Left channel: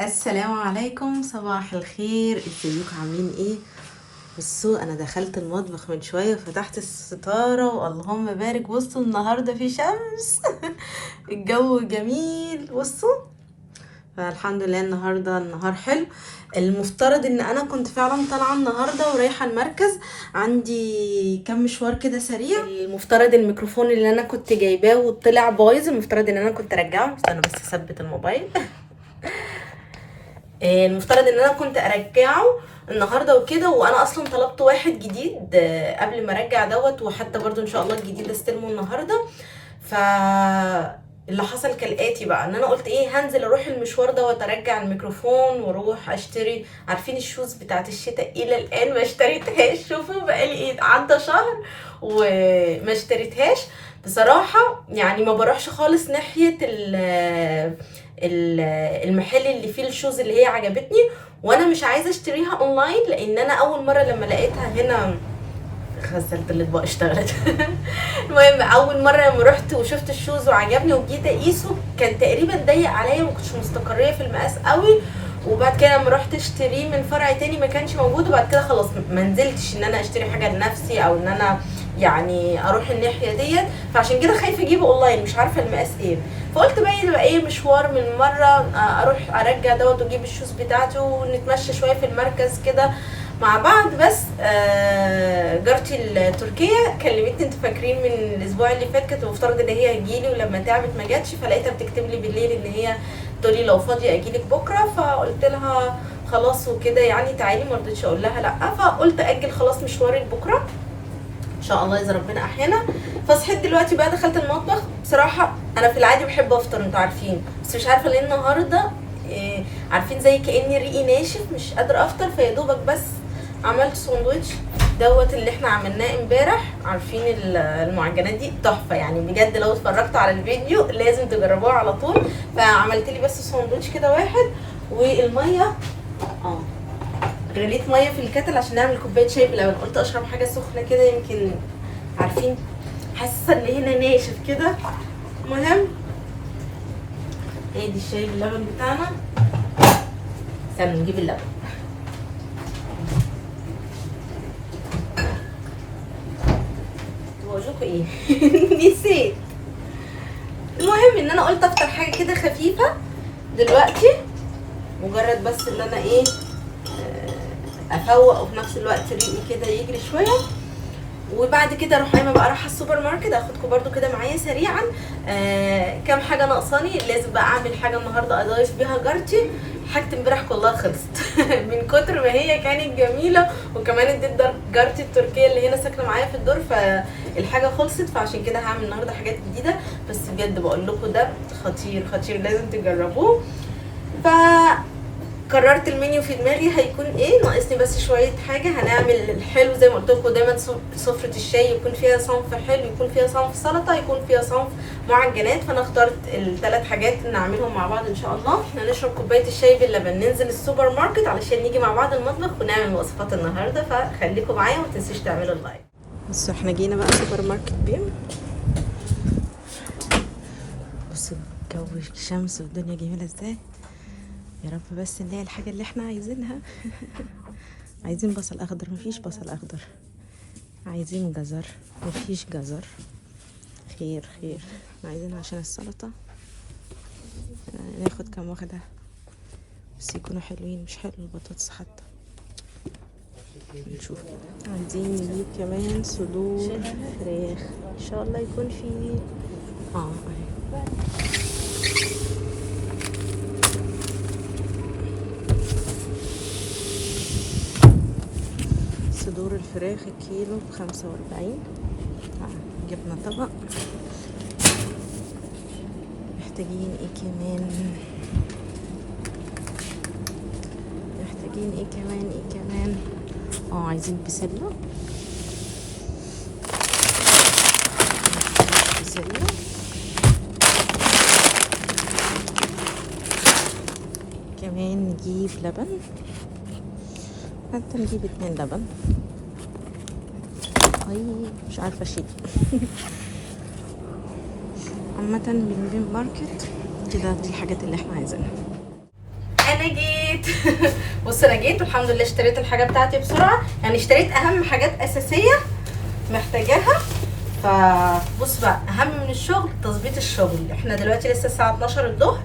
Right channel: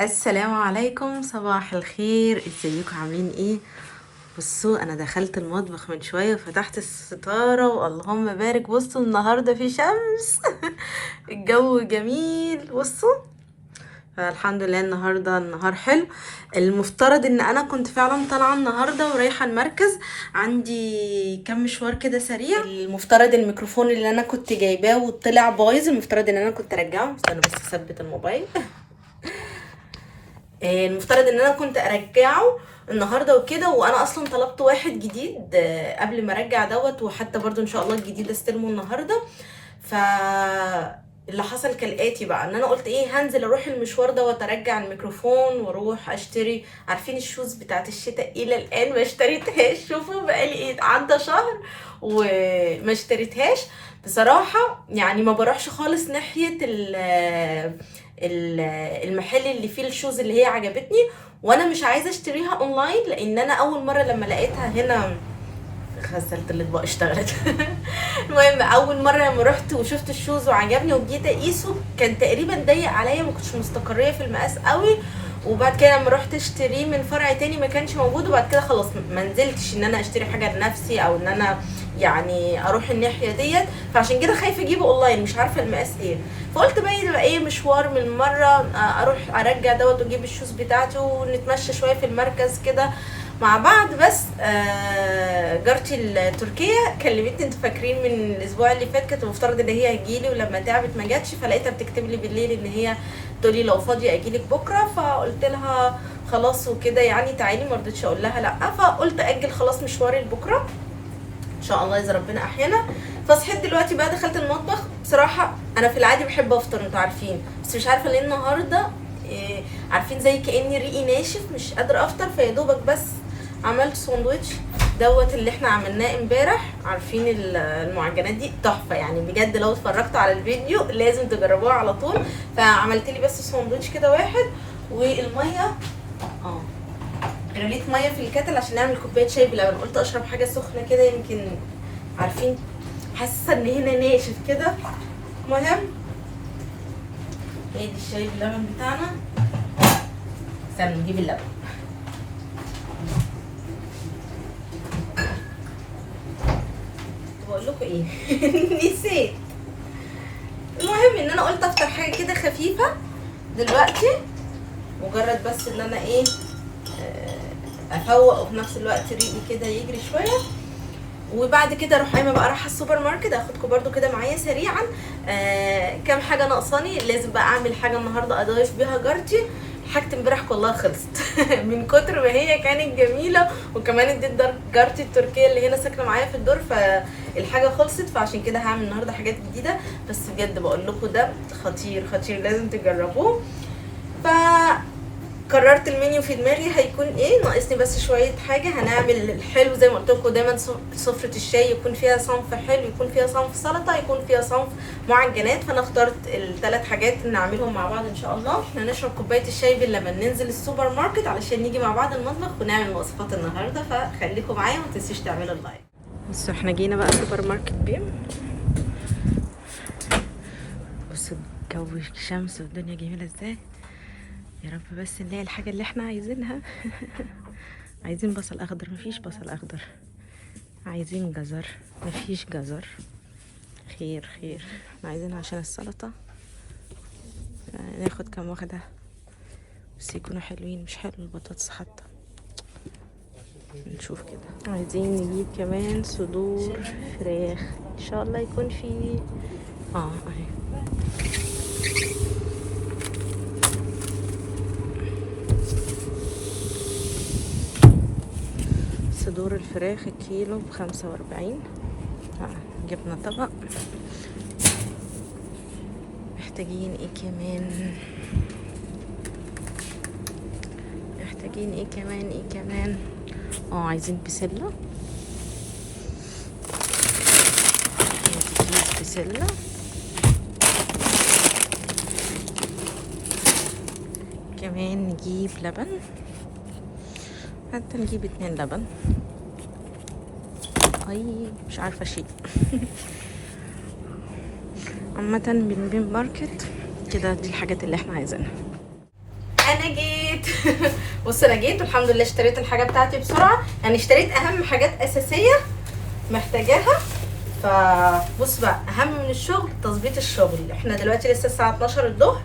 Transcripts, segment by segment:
السلام عليكم، صباح الخير. ازيكم عاملين ايه؟ بصوا، انا دخلت المطبخ من شويه وفتحت الستاره واللهم بارك. بصوا النهارده في شمس الجو جميل. بصوا، فالحمد لله النهارده النهار حلو. المفترض ان انا كنت فعلا طالعه النهارده ورايحه المركز، عندي كام مشوار كده سريع. المفترض الميكروفون اللي انا كنت جايباه وطلع بايظ، المفترض ان انا كنت ارجعه. استنى بس اثبت الموبايل. المفترض ان انا كنت ارجعه النهارده وكده، وانا اصلا طلبت واحد جديد قبل ما ارجع دوت، وحتى برضو ان شاء الله الجديد استلمه النهارده. ف اللي حصل كالاتي بقى، ان انا قلت ايه، هنزل اروح المشوار دوت ارجع الميكروفون واروح اشتري. عارفين الشوز بتاعت الشتاء؟ الى الان ما اشتريتهاش. شوفوا بقالي ايه، عدى شهر وما اشتريتهاش بصراحه. يعني ما بروحش خالص ناحيه المحل اللي فيه الشوز اللي هي عجبتني، وانا مش عايزه اشتريها اونلاين، لان انا اول مره لما لقيتها هنا غسلت الاطباق اشتغلت. المهم اول مره لما رحت وشفت الشوز وعجبني وجيت اقيسه، كان تقريبا ضيق عليا، ما كنتش مستقريه في المقاس قوي. وبعد كده لما رحت اشتريه من فرع تاني ما كانش موجود، وبعد كده خلاص ما نزلتش ان انا اشتري حاجه لنفسي او ان انا يعني اروح الناحيه ديت. فعشان كده خايفه اجيبه اونلاين، مش عارفه المقاس ايه. فقلت بقى يبقى ايه مشوار من مره، اروح ارجع دوت واجيب الشوز بتاعته ونتمشى شويه في المركز كده مع بعض. بس جارتي التركيه كلمتني، انتوا فاكرين من الاسبوع اللي فات كانت المفترض ان هي هتجيلي، ولما تعبت ما جاتش، فلقيتها بتكتب لي بالليل ان هي تقولي لو فاضيه اجيلك بكره. فقلت لها خلاص وكده يعني تعالي، ما رضيتش اقول لها لا، فقلت اجل خلاص مشواري لبكره ان شاء الله اذا ربنا احيانا. فصحيت دلوقتي بقى، دخلت المطبخ. بصراحه انا في العادي بحب افطر انتوا عارفين، بس مش عارفه ليه النهارده عارفين زي كاني ريقي ناشف مش قادره افطر. فيا دوبك بس عملت ساندوتش دوت اللي احنا عملناه امبارح. عارفين المعجنات دي تحفه يعني بجد، لو اتفرجتوا على الفيديو لازم تجربوها على طول. فعملت لي بس ساندوتش كده واحد، والميه غليت ميه في الكاتل عشان اعمل كوبايه شاي بلبن. قلت اشرب حاجه سخنه كده، يمكن عارفين حاسه ان هنا ناشف كده. المهم هي دي الشاي باللبن بتاعنا. استنوا نجيب اللبن. بقول لكم ايه نسيت. المهم ان انا قلت افطر حاجه كده خفيفه دلوقتي، مجرد بس ان انا ايه افوق، وفي نفس الوقت ريقي كده يجري شويه. وبعد كده اروح قايمه بقى رايحه السوبر ماركت، اخدكم برده كده معايا سريعا. كام حاجه ناقصاني، لازم بقى اعمل حاجه النهارده اضيف بيها جارتي. حاجه امبارح كلها خلصت من كتر ما هي كانت جميله، وكمان اديت جارتي التركيه اللي هنا ساكنه معايا في الدور، فالحاجه خلصت. فعشان كده هعمل النهارده حاجات جديده، بس بجد بقول لكم ده خطير خطير، لازم تجربوه. ف قررت المنيو في دماغي هيكون ايه، ناقصني بس شويه حاجه. هنعمل الحلو زي ما قلت لكم دايما، سفره الشاي يكون فيها صنف حلو، يكون فيها صنف سلطه، يكون فيها صنف معجنات. فانا اخترت الثلاث حاجات نعملهم مع بعض ان شاء الله. احنا نشرب كوبايه الشاي باللبن، ننزل السوبر ماركت علشان نيجي مع بعض المطبخ ونعمل وصفات النهارده. فخليكم معايا وما تنسوش تعملوا اللايك. بصوا احنا جينا بقى سوبر ماركت بيم. بصوا الجو، الشمس والدنيا جميله ازاي. يا رب بس نلاقي الحاجة اللي احنا عايزينها. عايزين بصل اخضر، مفيش بصل اخضر. عايزين جزر، مفيش جزر. خير خير، احنا عايزينها عشان السلطة. ناخد كام واحدة بس يكونوا حلوين، مش حلو البطاطس حتى. نشوف كده. عايزين نجيب كمان صدور فراخ، ان شاء الله يكون في اهي. صدور الفراخ الكيلو ب45. جبنا طبق. محتاجين ايه كمان، محتاجين ايه كمان. عايزين بسلة. كمان نجيب لبن، حتى نجيب 2 لبن. مش عارفه اشيل. عامه بنبين ماركت كده، دي الحاجات اللي احنا عايزينها. انا جيت. بص انا جيت والحمد لله اشتريت الحاجه بتاعتي بسرعه، يعني اشتريت اهم حاجات اساسيه محتاجاها. فبص بقى، اهم من الشغل تظبيط الشغل. احنا دلوقتي لسه الساعه 12 الظهر،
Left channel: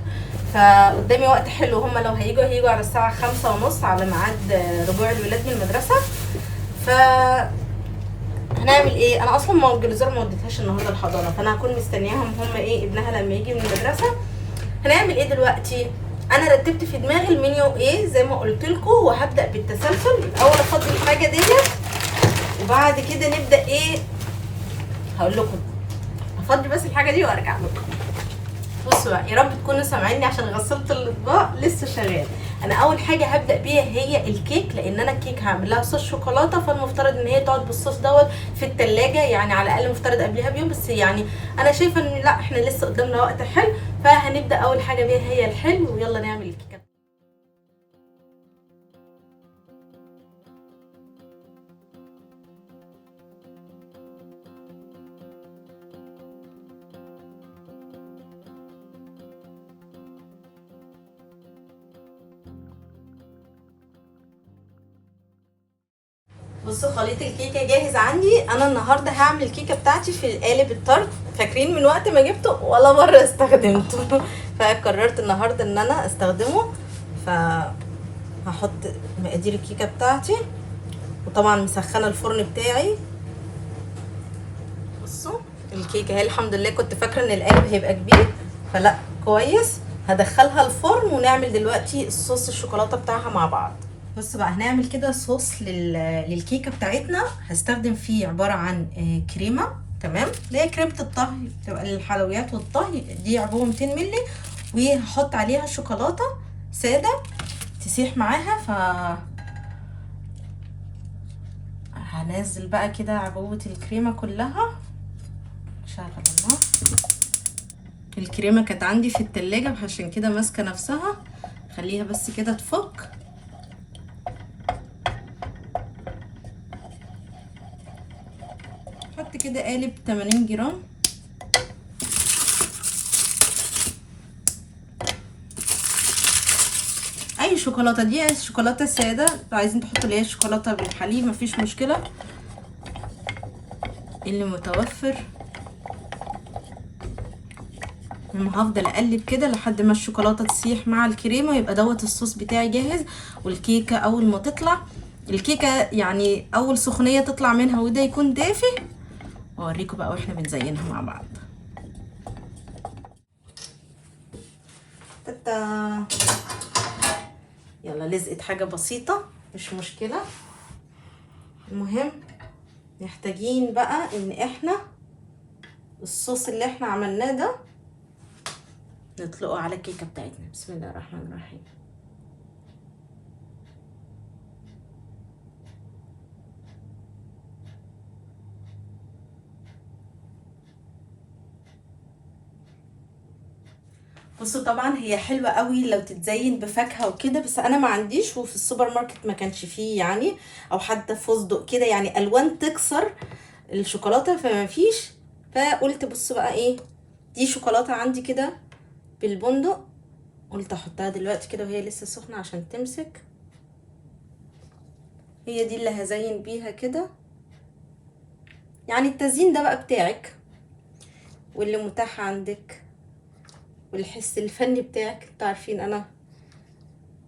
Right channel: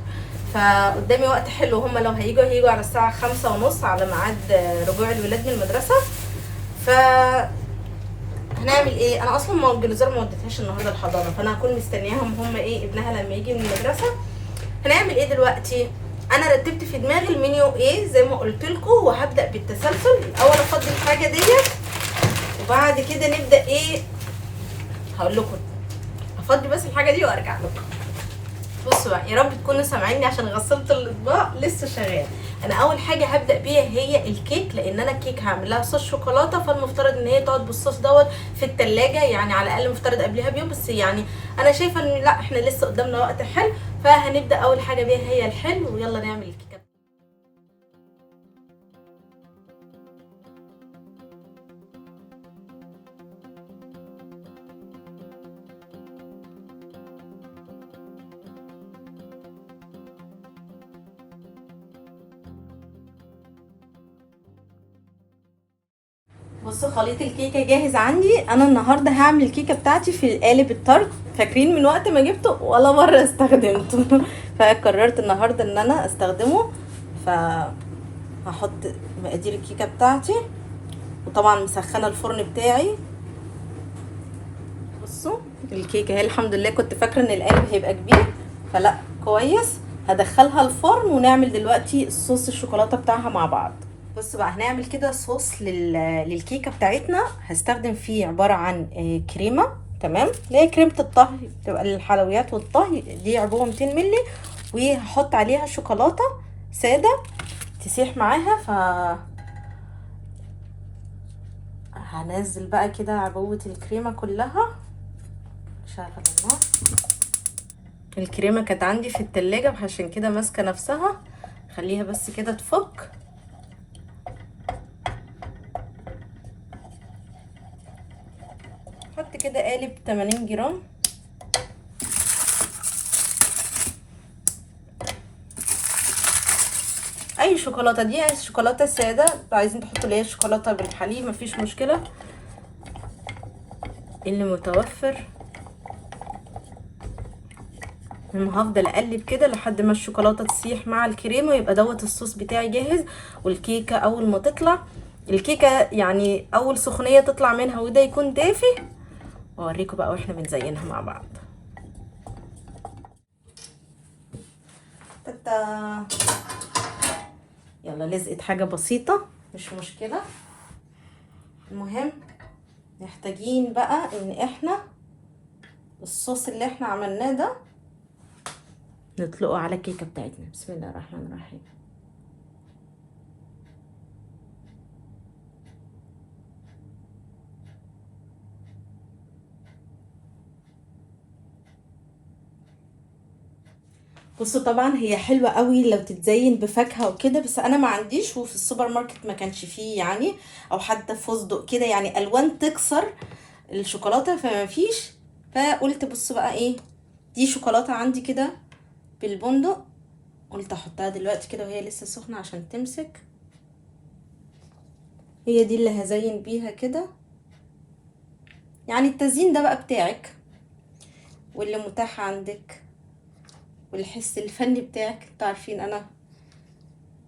فقدامي وقت حلو. هما لو هيجوا على الساعه 5:30 على ميعاد رجوع الولاد من المدرسه. ف هنعمل ايه؟ انا اصلا ما الجلوزار ما وديتهاش النهارده الحضانه، فانا هكون مستنياهم هما ايه ابنها لما يجي من المدرسه. هنعمل ايه دلوقتي؟ انا رتبت في دماغي المنيو ايه زي ما قلت لكم، وهبدا بالتسلسل. الاول افضي الحاجه ديت، وبعد كده نبدا ايه، هقول لكم. افضي بس الحاجه دي وارجع لكم. بصوا بقى، يا رب تكونوا سامعيني عشان غسلت الاطباق لسه شغال. انا اول حاجه هبدا بيها هي الكيك، لان انا الكيك هعمل لها صوص شوكولاته، فالمفترض ان هي تقعد بالصوص دوت في التلاجة، يعني على الاقل مفترض قبلها بيوم. بس يعني انا شايفه ان لا، احنا لسه قدامنا وقت حلو، فهنبدا اول حاجه بيها هي الحلو. ويلا نعمل الكيكه. بصوا خليط الكيكه جاهز عندي. انا النهارده هعمل الكيكه بتاعتي في القالب الطرد، فاكرين من وقت ما جبته ولا مره استخدمته. فقررت النهارده ان انا استخدمه. فهحط مقادير الكيكه بتاعتي، وطبعا مسخنه الفرن بتاعي. بصوا الكيكه اهي، الحمد لله. كنت فاكره ان القالب هيبقى كبير، فلا كويس. هدخلها الفرن ونعمل دلوقتي الصوص الشوكولاته بتاعها مع بعض. بصوا بقى، هنعمل كده صوص للكيكه بتاعتنا. هستخدم فيه عباره عن كريمه، تمام، اللي هي كريمه الطهي، بتبقى للحلويات والطهي. دي عبوه 200 مللي، وهحط عليها شوكولاته ساده تسيح معاها. هنزل بقى كده عبوه الكريمه كلها. شغل النار. الكريمه كانت عندي في التلاجة، عشان كده ماسكه نفسها. خليها بس كده تفك. حط كده قالب 80 جرام. اي شوكولاته، دي شوكولاته ساده، عايزين تحطوا اللي هي شوكولاته بالحليب مفيش مشكله، اللي متوفر. هفضل اقلب كده لحد ما الشوكولاته تسيح مع الكريمه، ويبقى دوت الصوص بتاعي جاهز. والكيكه اول ما تطلع، الكيكه يعني اول سخونيه تطلع منها وده يكون دافي، اوريكم بقى واحنا بنزينها مع بعض. تاتا. يلا، لزقت حاجه بسيطه مش مشكله. المهم محتاجين بقى ان احنا الصوص اللي احنا عملناه ده نطلقه على الكيكه بتاعتنا. بسم الله الرحمن الرحيم. بصوا طبعا هي حلوه قوي لو تتزين بفاكهه وكده، بس انا ما عنديش، وفي السوبر ماركت ما كانش فيه يعني، او حتى فستق كده، يعني الوان تكسر الشوكولاته فما فيش. فقلت بصوا بقى ايه، دي شوكولاته عندي كده بالبندق، قلت احطها دلوقتي كده وهي لسه سخنه عشان تمسك. هي دي اللي هزين بيها كده. يعني التزيين ده بقى بتاعك، واللي متاح عندك، والحس الفني بتاعك. انتوا عارفين انا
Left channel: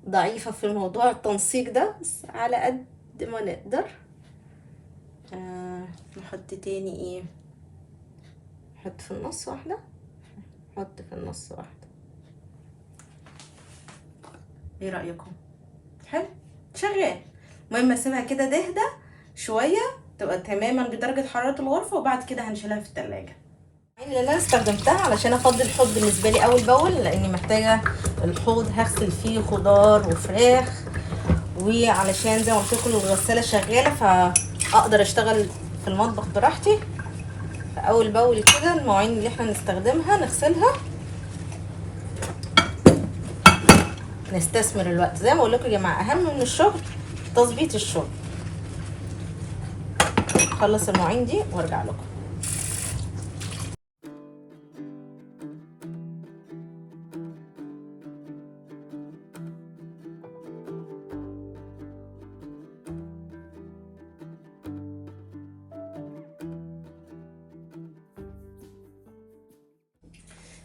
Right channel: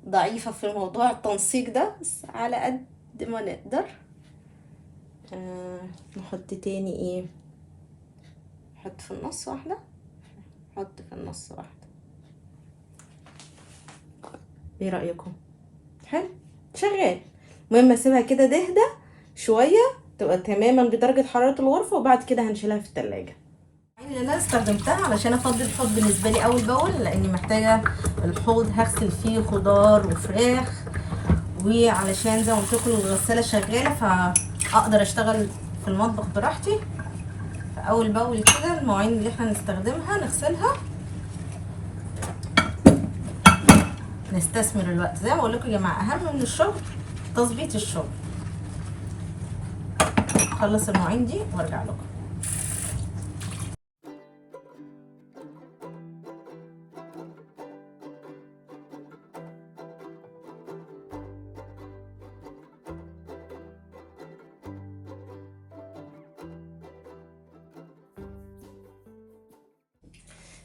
ضعيفة في موضوع التنسيق ده، بس على قد ما نقدر. نحط تاني ايه، نحط في النص واحدة، نحط في النص واحدة. ايه رأيكم؟ حلو شغال. المهم اسيبها كده تهدى شوية، تبقى تماما بدرجة حرارة الغرفة، وبعد كده هنشيلها في التلاجة. اللي انا استخدمتها علشان افضي الحوض بالنسبه لي اول باول، لاني محتاجه الحوض هغسل فيه خضار وفراخ، وعلشان زي ما قلت لكم الغساله شغاله فاقدر اشتغل في المطبخ براحتي. فاول باول كده المواعين اللي احنا نستخدمها نغسلها، نستثمر الوقت. زي ما اقول لكم يا جماعه، اهم من الشغل تظبيط الشغل. اخلص المواعين دي وارجع لكم.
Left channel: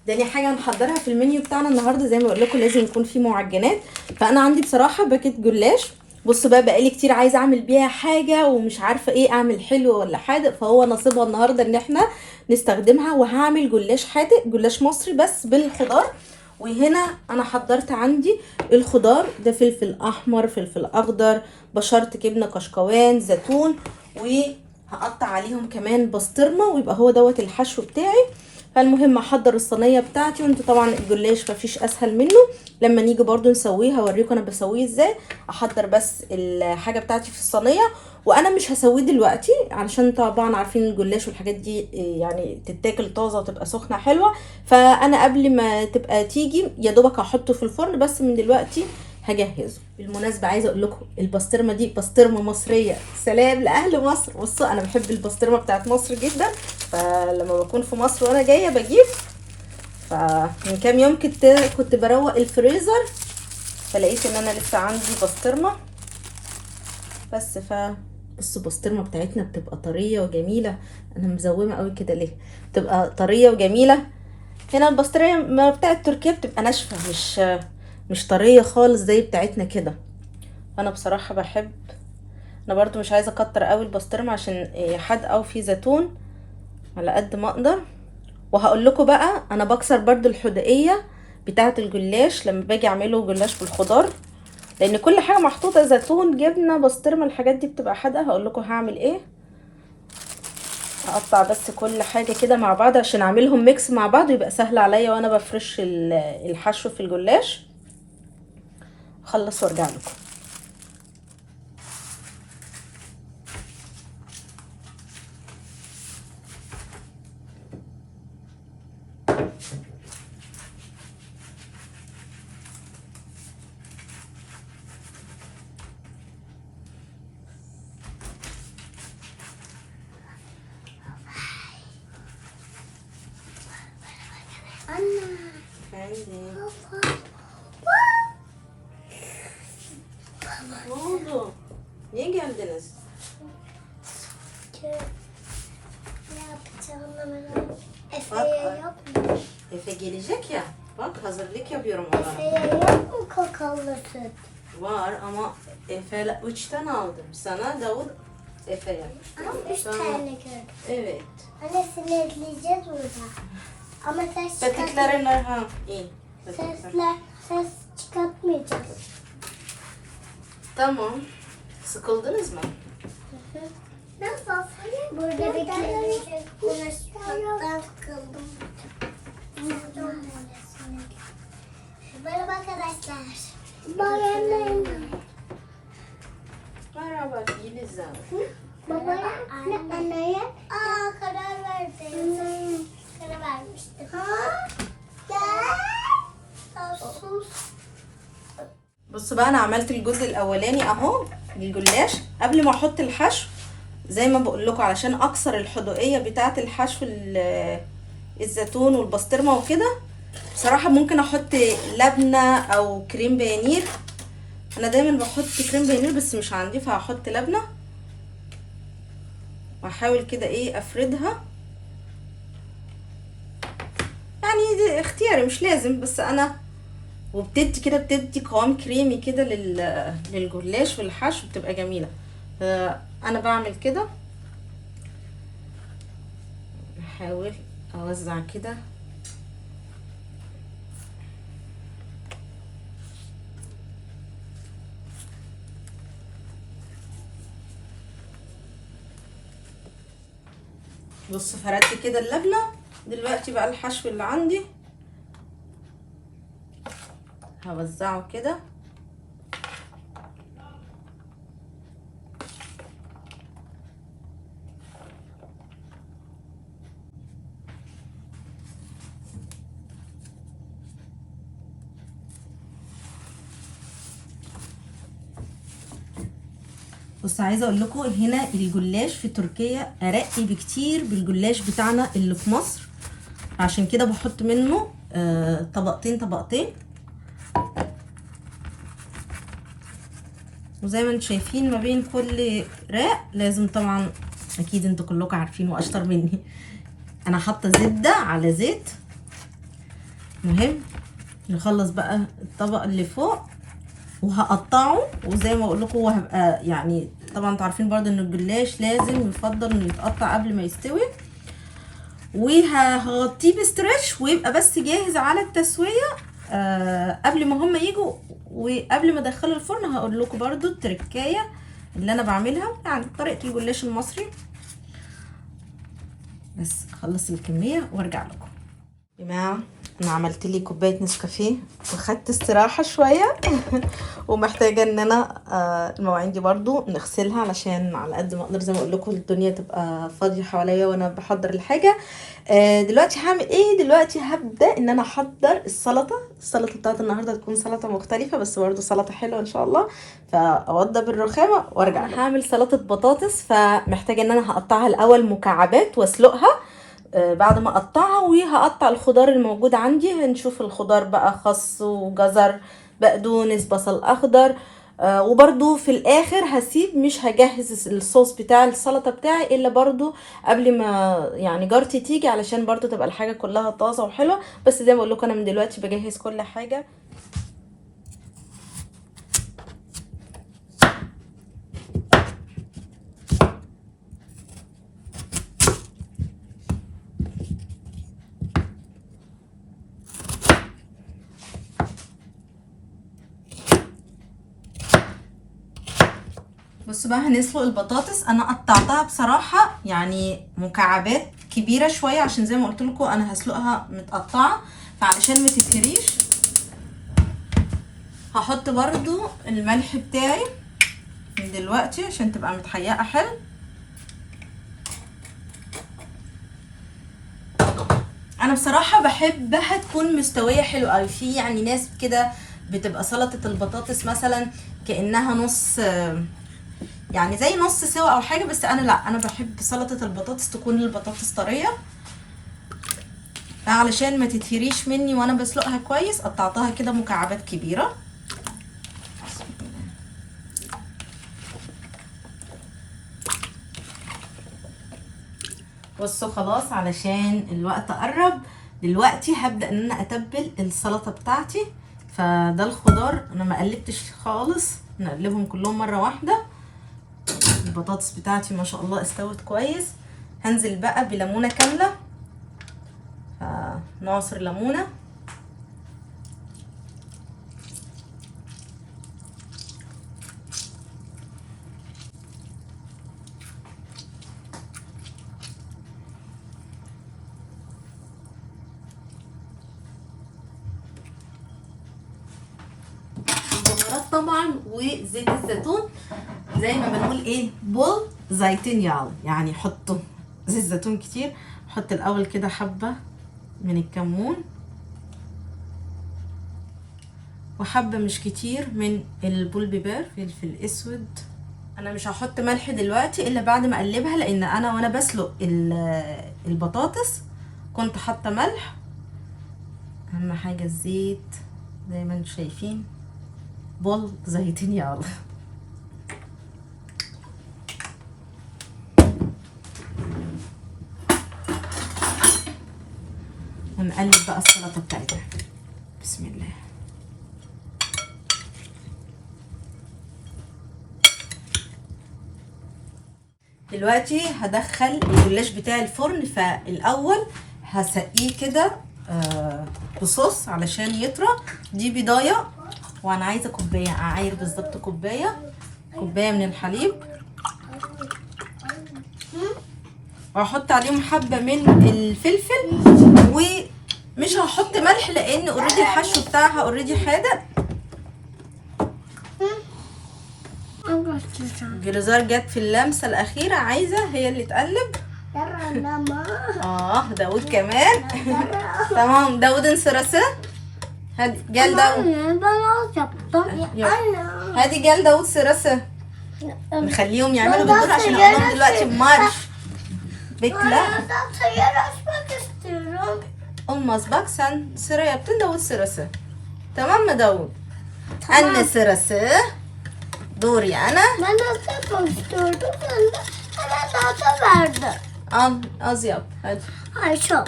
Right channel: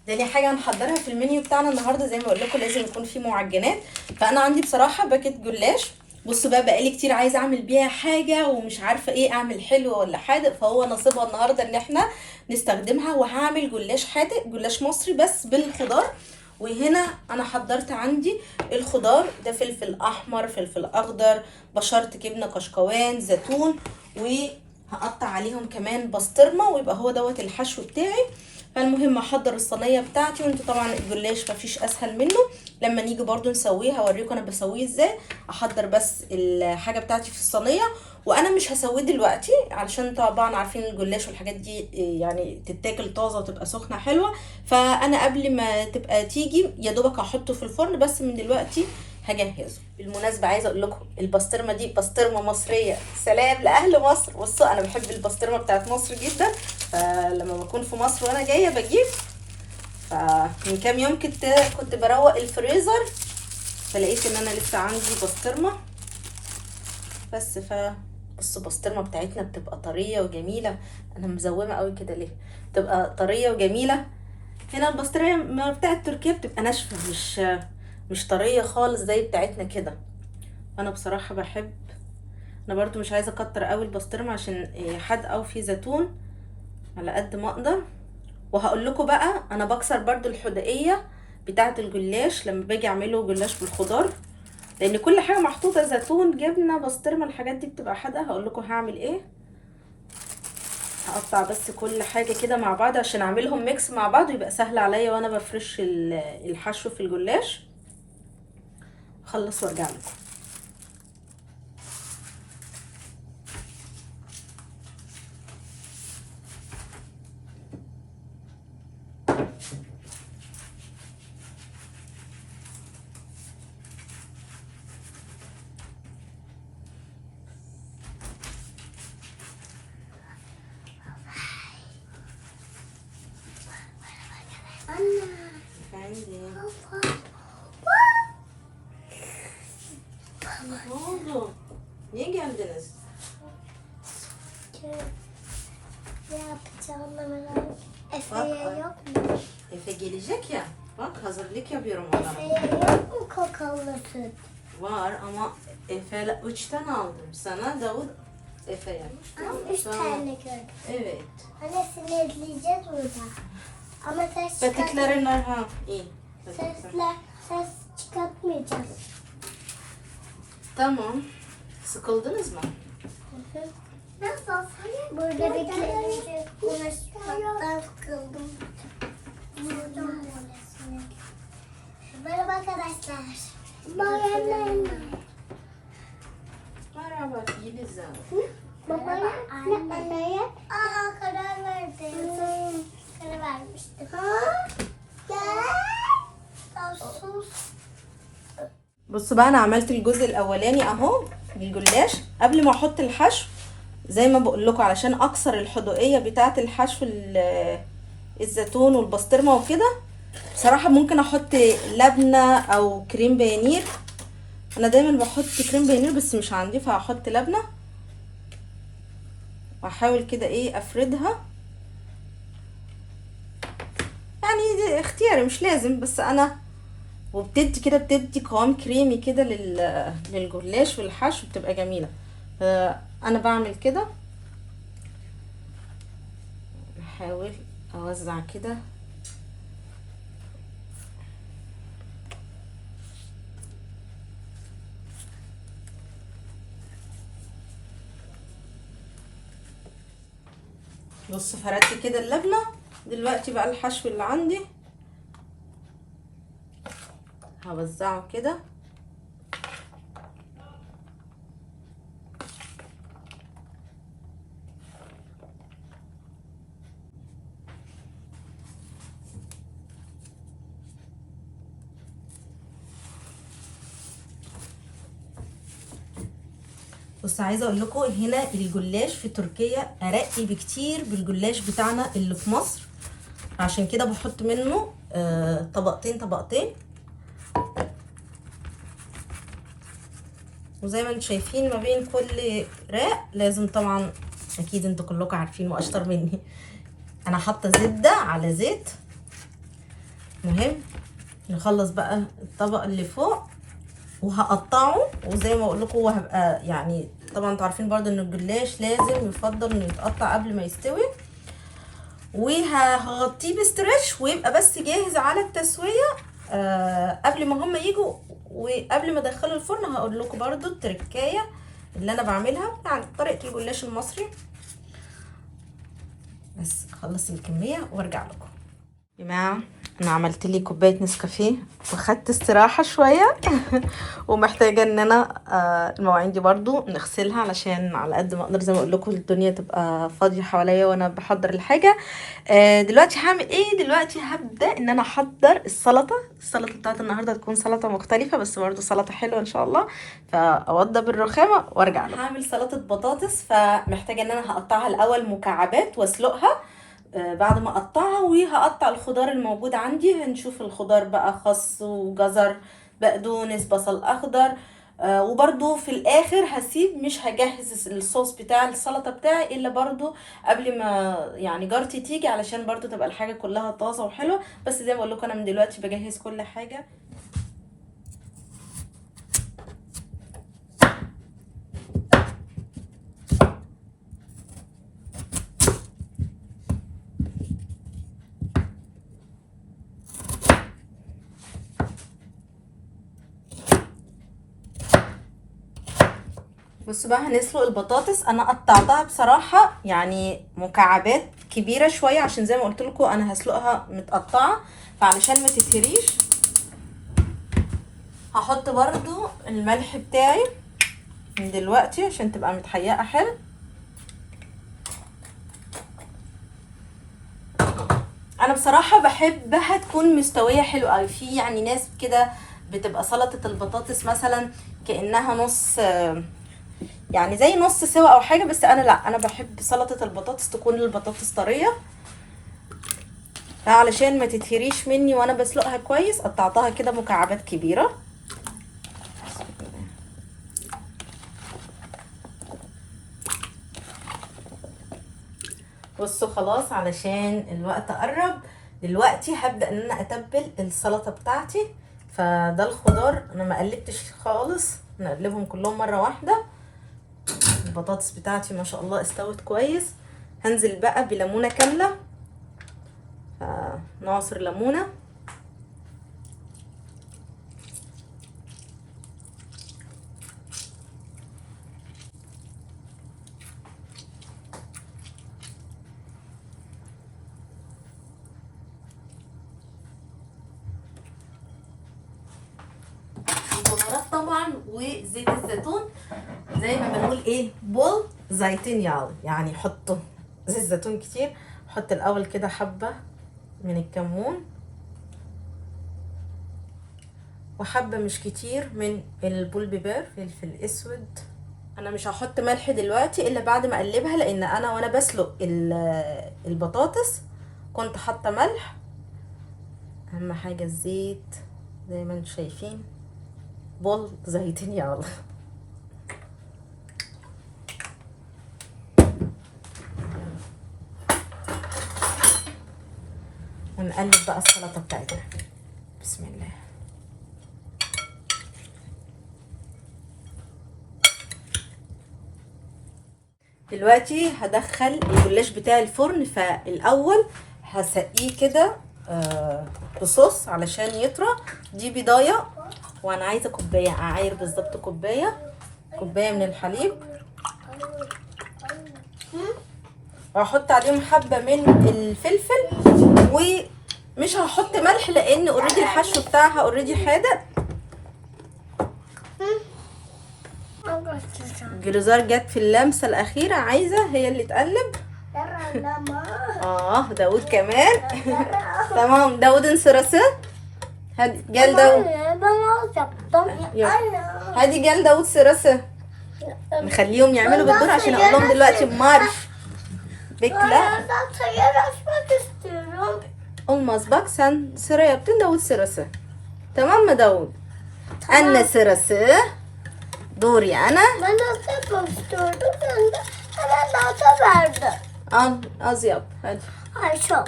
تاني حاجه هنحضرها في المنيو بتاعنا النهارده، زي ما بقول لكم لازم يكون فيه معجنات. فانا عندي بصراحه باكيت جلاش. بصوا بقى، بقالي كتير عايزه اعمل بيها حاجه ومش عارفه ايه، اعمل حلو ولا حادق، فهو نصيبها النهارده ان احنا نستخدمها. وهعمل جلاش حادق، جلاش مصري بس بالخضار. وهنا انا حضرت عندي الخضار ده، فلفل احمر، فلفل اخضر، بشرت جبنه كشكوان، زيتون، وهقطع عليهم كمان بسطرمه، ويبقى هو دوت الحشو بتاعي. فالمهم احضر الصينيه بتاعتي، وانتوا طبعا الجلاش مفيش اسهل منه. لما نيجي برضو نسويه هوريكم انا بسويه ازاي. احضر بس الحاجه بتاعتي في الصينيه، وانا مش هسويه دلوقتي علشان طبعا عارفين الجلاش والحاجات دي يعني تتاكل طازه وتبقى سخنه حلوه. فانا قبل ما تبقى تيجي يا دوبك هحطه في الفرن، بس من دلوقتي هجهزه. بالمناسبه عايزه اقول لكم البسطرمه دي بسطرمه مصريه، سلام لاهل مصر. بصوا انا بحب البسطرمه بتاعت مصر جدا، فلما بكون في مصر وانا جايه بجيب. فمن كام يوم كنت بروق الفريزر، فلقيت ان انا لسه عندي بسطرمه بس. بصوا البسطرمه بتاعتنا بتبقى طريه وجميله. انا مزومه قوي كده ليه؟ بتبقى طريه وجميله. هنا البسطرمه بتاعت تركيا بتبقى ناشفه، مش طريه خالص زي بتاعتنا كده. انا بصراحه بحب. انا برضو مش عايزه اكتر قوي البسطرمه عشان حادقه وفي زيتون، على قد ما اقدر. وهقول لكم بقى انا بكسر برضو الحدقيه بتاعه الجلاش لما باجي اعمله جلاش بالخضار، لان كل حاجه محطوطه، زيتون، جبنه، بسطرمه، الحاجات دي بتبقى حادقه. هقول لكم هعمل ايه. هقطع بس كل حاجه كده مع بعض عشان اعملهم ميكس مع بعض ويبقى سهل عليا وانا بفرش الحشو في الجلاش. اخلص وارجع لكم. oldu? Niye geldiniz? Ne yapacağını merak. Efe'ye yok mu? Efe gelecek ya. Bak hazırlık yapıyorum ona. Efe'ye yok mu kakalı süt? Var ama Efe 3 tane aldım. Sana Davut Efe'ye. Ama 3 tane gördüm. Evet. Anne sinirleyeceğiz burada. Ama ses Patiklerin ha iyi. ses çıkartmayacağız. Tamam. Sıkıldınız mı? Nasıl? Burada bir kere konuşmaktan sıkıldım. Merhaba arkadaşlar. Merhaba. Merhaba Yeliz Hanım. Baba anneye karar verdi. Karar vermişti. Gel. sus. بصوا بقى انا عملت الجزء الاولاني اهو الجلاش. قبل ما احط الحشو زي ما بقول لكم علشان اكسر الحدوقيه بتاعه الحشو الزيتون والبسطرمه وكده، بصراحه ممكن احط لبنه او كريم بانير. انا دايما بحط كريم بانير بس مش عندي، فهحط لبنه واحاول كده ايه افردها. يعني دي اختياري مش لازم، بس انا وبتدي كده بتدي قوام كريمي كده للجلاش والحشو، بتبقى جميله. انا بعمل كده، احاول اوزع كده. بص فردت كده اللبنه. دلوقتي بقى الحشو اللي عندي هوزعه كده. بص عايزه اقول لكم هنا الجلاش في تركيا ارق بكتير بالجلاش بتاعنا اللي في مصر، عشان كده بحط منه طبقتين طبقتين. وزي ما انتم شايفين ما بين كل راق لازم طبعا، اكيد انتوا كلكم عارفين واشطر مني، انا حاطه زبده على زيت مهم نخلص بقى الطبق اللي فوق وهقطعه، وزي ما اقول لكم هو هبقى يعني طبعا انتوا عارفين برضه ان الجلاش لازم يفضل انه يتقطع قبل ما يستوي، وهغطيه بستريتش ويبقى بس جاهز على التسويه قبل ما هم يجوا. وقبل ما ادخله الفرن هقول لكم برضه التركايه اللي انا بعملها، يعني طريقه الجلاش المصري. بس اخلص الكميه وارجع لكم. يا جماعه انا عملت لي كوبايه نسكافيه وخدت استراحه شويه ومحتاجه ان انا المواعين دي برضو نغسلها علشان على قد ما اقدر زي ما اقول لكم الدنيا تبقى فاضيه حواليا وانا بحضر الحاجه. دلوقتي هعمل ايه؟ دلوقتي هبدا ان انا احضر السلطه بتاعت النهارده تكون سلطه مختلفه بس برضو سلطه حلوه ان شاء الله. فاوضب الرخامه وارجع لكم. هعمل سلطه بطاطس، فمحتاجه ان انا هقطعها الاول مكعبات واسلقها بعد ما اقطعها، وهقطع الخضار الموجود عندي. هنشوف الخضار بقى خس وجزر بقدونس بصل اخضر. وبرده في الاخر هسيب مش هجهز الصوص بتاع السلطه بتاعي الا برده قبل ما يعني جارتي تيجي علشان برده تبقى الحاجه كلها طازه وحلوه. بس زي ما بقول لكم انا من دلوقتي بجهز كل حاجه. بصوا بقى هنسلق البطاطس. انا قطعتها بصراحه يعني مكعبات كبيره شويه عشان زي ما قلت لكم انا هسلقها متقطعه، فعلشان ما تتهريش هحط برضو الملح بتاعي من دلوقتي عشان تبقى متحيقه حلو. انا بصراحه بحبها تكون مستويه حلو قوي. في يعني ناس كده بتبقى سلطه البطاطس مثلا كانها نص يعني زي نص سوا او حاجه، بس انا لا، انا بحب سلطه البطاطس تكون البطاطس طريه علشان ما تتهريش مني وانا بسلقها كويس. قطعتها كده مكعبات كبيره. بصوا خلاص علشان الوقت قرب. دلوقتي هبدا ان انا اتبل السلطه بتاعتي. فده الخضار انا ما قلبتش خالص، نقلبهم كلهم مره واحده. البطاطس بتاعتي ما شاء الله استوت كويس. هنزل بقى بليمونه كامله، نعصر ليمونه البهارات طبعا وزيت الزيتون. زي ما بنقول ايه بول زيتون يعني حطوا زيت زيتون كتير. حط الاول كده حبه من الكمون وحبه مش كتير من البول بيبر فلفل اسود. انا مش هحط ملح دلوقتي الا بعد ما اقلبها، لان انا وانا بسلق البطاطس كنت حاطه ملح. اهم حاجه الزيت زي ما انتم شايفين بول زيتون يلا. ونقلب بقى السلطه بتاعتنا. بسم الله. دلوقتي هدخل الجلاش بتاعي الفرن. فالاول هسقيه كده بصوص علشان يطرى. دي بيضايه وانا عايزه كوبايه، اعاير بالظبط كوبايه من الحليب، وهحط عليهم حبه من الفلفل. ومش هحط ملح لان اوريدي الحشو بتاعها اوريدي حادق. جلوزار جت في اللمسه الاخيره، عايزه هي اللي تقلب. داود كمان. تمام داود انسرسه. هادي جال داود. هادي جال داود سرسه. نخليهم يعملوا بالدور عشان عندهم دلوقتي مارش. Bekle. Olmaz bak sen sıra yaptın Davut sırası. Tamam mı Davut? Tamam. Anne sırası. Doğru yana. Ben de yapmıştırdım. Sen de hemen daha verdi. Al az yap hadi. Ay çok.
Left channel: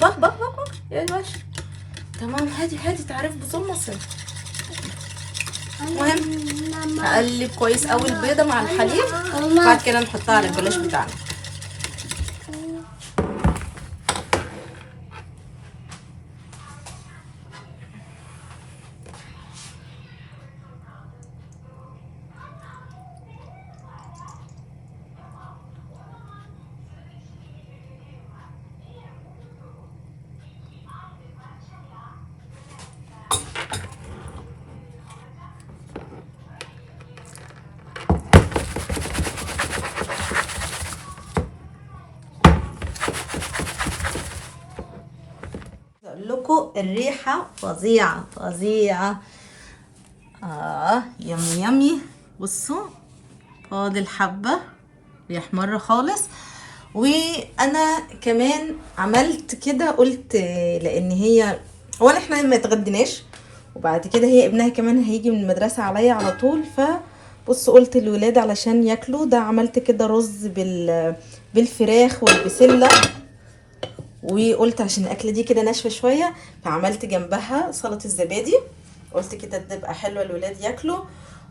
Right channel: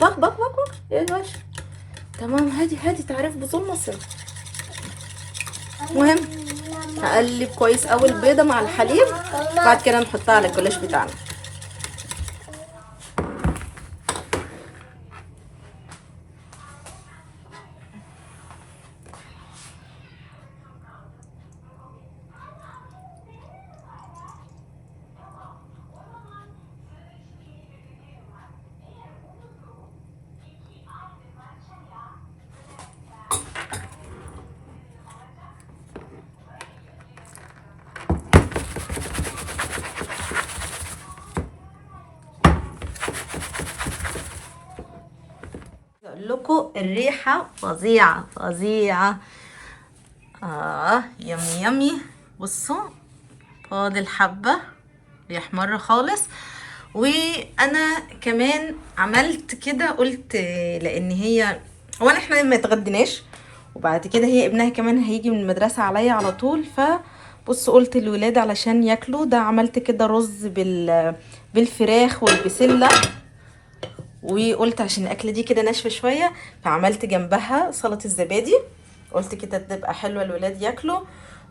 Bak. Yavaş. تمام. هادي تعرف بصمصة. المهم نقلب كويس قوي البيضة مع الحليب، بعد كده نحطها على الجلاش بتاعنا. اقول لكم الريحه فظيعه فظيعه. يمي يمي. بصوا فاضل حبه بيحمر خالص. وانا كمان عملت كده، قلت لان هي اولا احنا ما اتغديناش، وبعد كده هي ابنها كمان هيجي من المدرسه عليا على طول، فبص قلت الولاد علشان ياكلوا ده عملت كده رز بالفراخ والبسله، وقلت عشان الاكله دي كده ناشفه شويه فعملت جنبها سلطه الزبادي، قلت كده تبقى حلوه الولاد ياكلوا.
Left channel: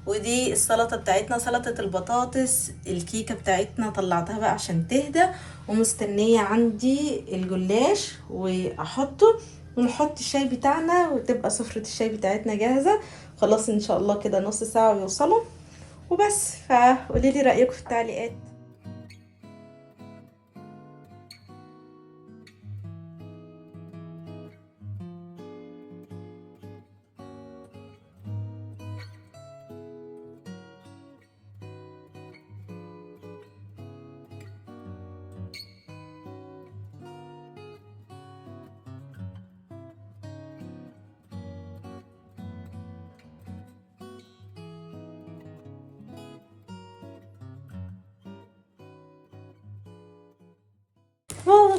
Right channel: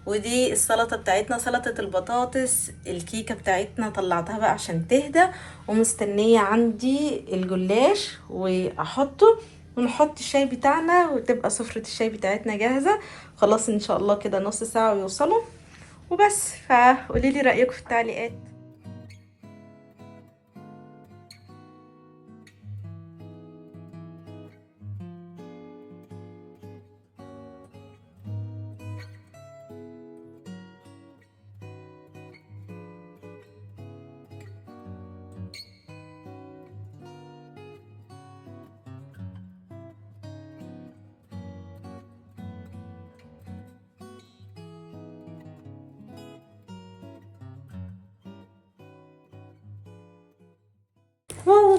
ودي السلطه بتاعتنا، سلطه البطاطس. الكيكه بتاعتنا طلعتها بقى عشان تهدى، ومستنيه عندي الجلاش واحطه ونحط الشاي بتاعنا، وتبقى سفره الشاي بتاعتنا جاهزه. خلاص ان شاء الله كده نص ساعه ويوصلوا وبس. فقولي لي رايكم في التعليقات.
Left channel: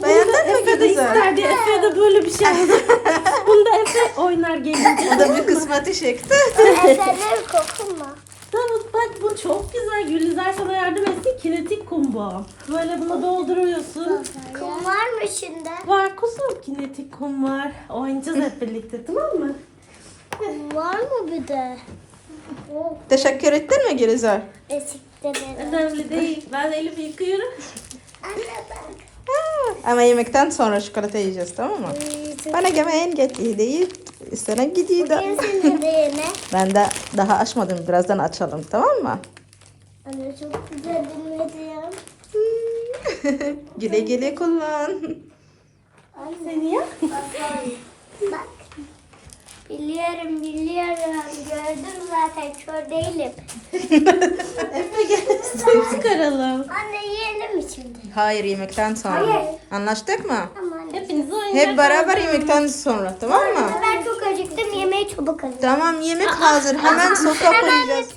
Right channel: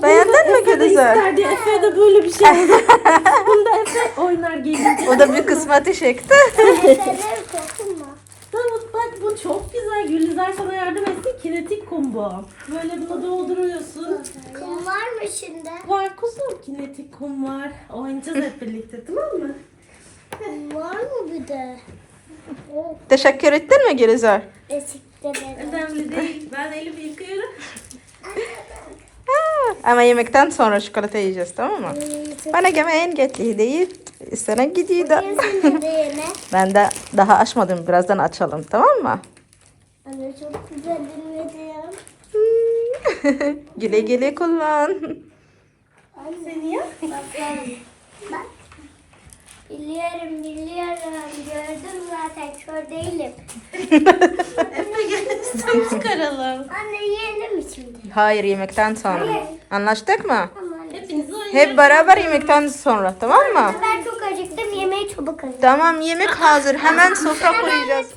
Beğendin mi Gülizar? Efe de böyle bir şey yapacak. Bunda Efe oynar gelince. O da bir kısmeti çekti. Efe'nin kokuma. Davut bak bu çok güzel. Gülizar sana yardım etsin. Kinetik kum bu. Böyle bunu dolduruyorsun. Kum var mı içinde? Var kuzum, kinetik kum var. Oynayacağız hep birlikte, tamam mı? Kum var mı bir de? Teşekkür ettin mi Gülizar? Teşekkür ederim. Önemli değil. Ben elimi yıkıyorum. Ama yemekten sonra çikolata yiyeceğiz, tamam mı? Bana yemeğin geçti değil. İstenen gidiyor da. Bugün senin de yeme. Ben de daha açmadım. Birazdan açalım, tamam mı? Anne çok güzel dinledim. Güle güle kullan. Seni yap. Bak. Biliyorum. Gördüm zaten. Kör değilim. Efe gel çıkaralım. Anne yiyelim mi şimdi? Hayır, yemekten sonra. Hayır. Anlaştık mı? Tamam anne. Hepiniz oynayın. Hep beraber yemekten sonra, tamam mı? Ben çok acıktım. Yemeği çabuk hazır. Tamam, yemek hazır. Hemen sofra koyacağız.